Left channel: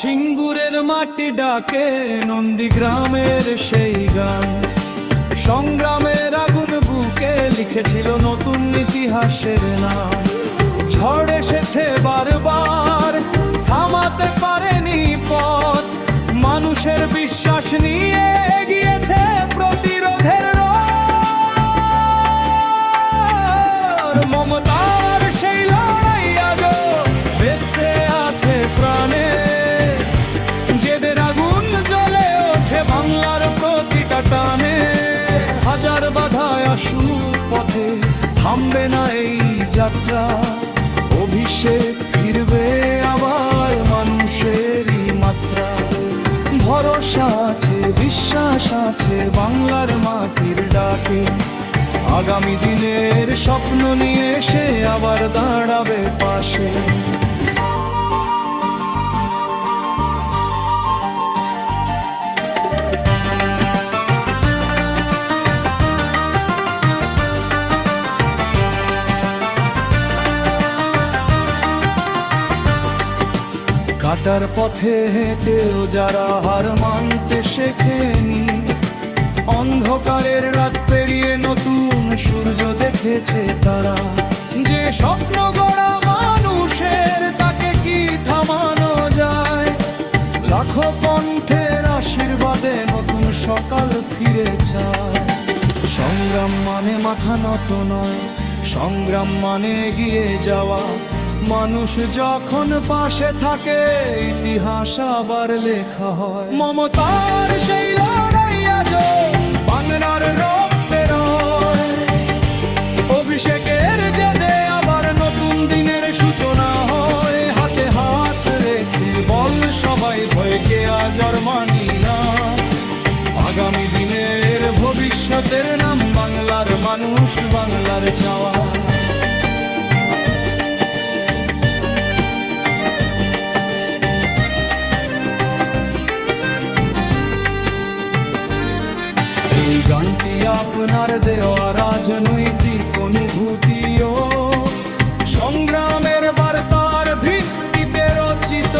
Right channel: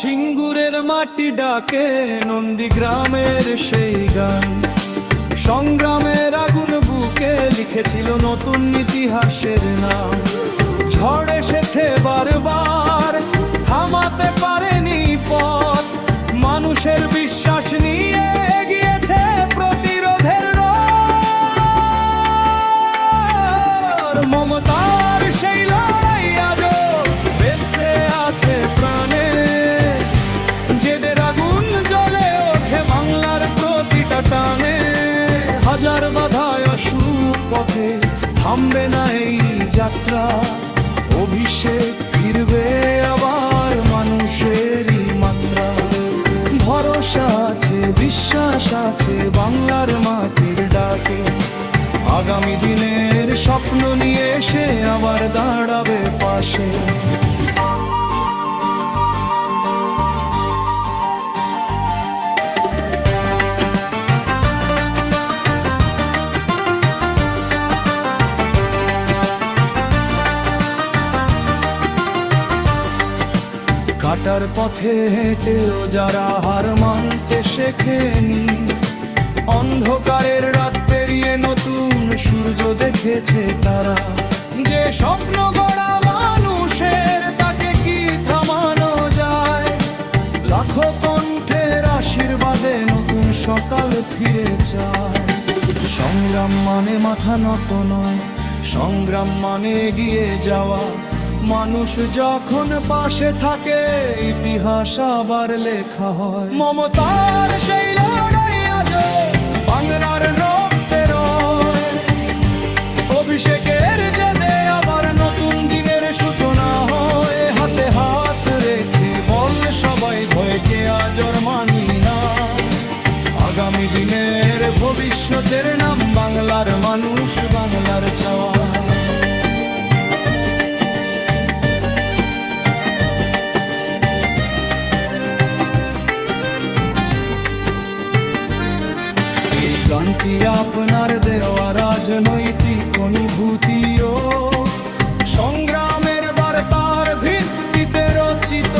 সিঙ্গুরের মাটি ডাকে নন্দীগ্রামের সেই গান, সংগ্রামের আগুন বুকে লিখেছিল নতুন ইতিহাসের নাম। ঝড় এসেছে বারবার, থামাতে পারেনি পথ, মানুষের বিশ্বাস নিয়ে এগিয়েছে প্রতিরোধের রথ। মমতার সেই লড়াই আজও বেঁচে আছে প্রাণে, জেদের আগুন জ্বলে ওঠে বাংলার প্রতিটা টানে। হাজার বাধায় আসুক পথে, থামবে না এই যাত্রা, অভিষেক ফিরবে আবার মানুষেরই মাত্রা। ভরসা আছে, বিশ্বাস আছে বাংলার মাটির ডাকে, আগামী দিনের স্বপ্ন নিয়ে এসে আবার দাঁড়াবে পাশে। কাটার পথে হেঁটেও যারা হার মানতে শেখেনি, অন্ধকারের রাত পেরিয়ে নতুন সূর্য দেখেছে তারা। যে স্বপ্ন গড়া মানুষের তাকে কি থামানো যায়, লাখো কণ্ঠের আশীর্বাদে নতুন সকাল ফিরে চায়। সংগ্রাম মানে মাথা নত নয়, সংগ্রাম মানে এগিয়ে যাওয়া। মানুষ যখন পাশে থাকে ইতিহাস আবার লেখা হয়। মমতার সেই লড়াই আজও বাংলার রক্তে রয়, অভিষেকের জেদে আবার নতুন দিনের সূচনা হয়। হাতে হাত রেখে বল সবাই, ভয়কে আজ আর মানি না। আগামী দিনের ভবিষ্যতের নাম বাংলার মানুষ, বাংলার চাওয়া। এই গানটি আপনার দেওয়া রাজনৈতিক অনুভূতি ও সংগ্রামের বার্তার ভিত্তিতে রচিত।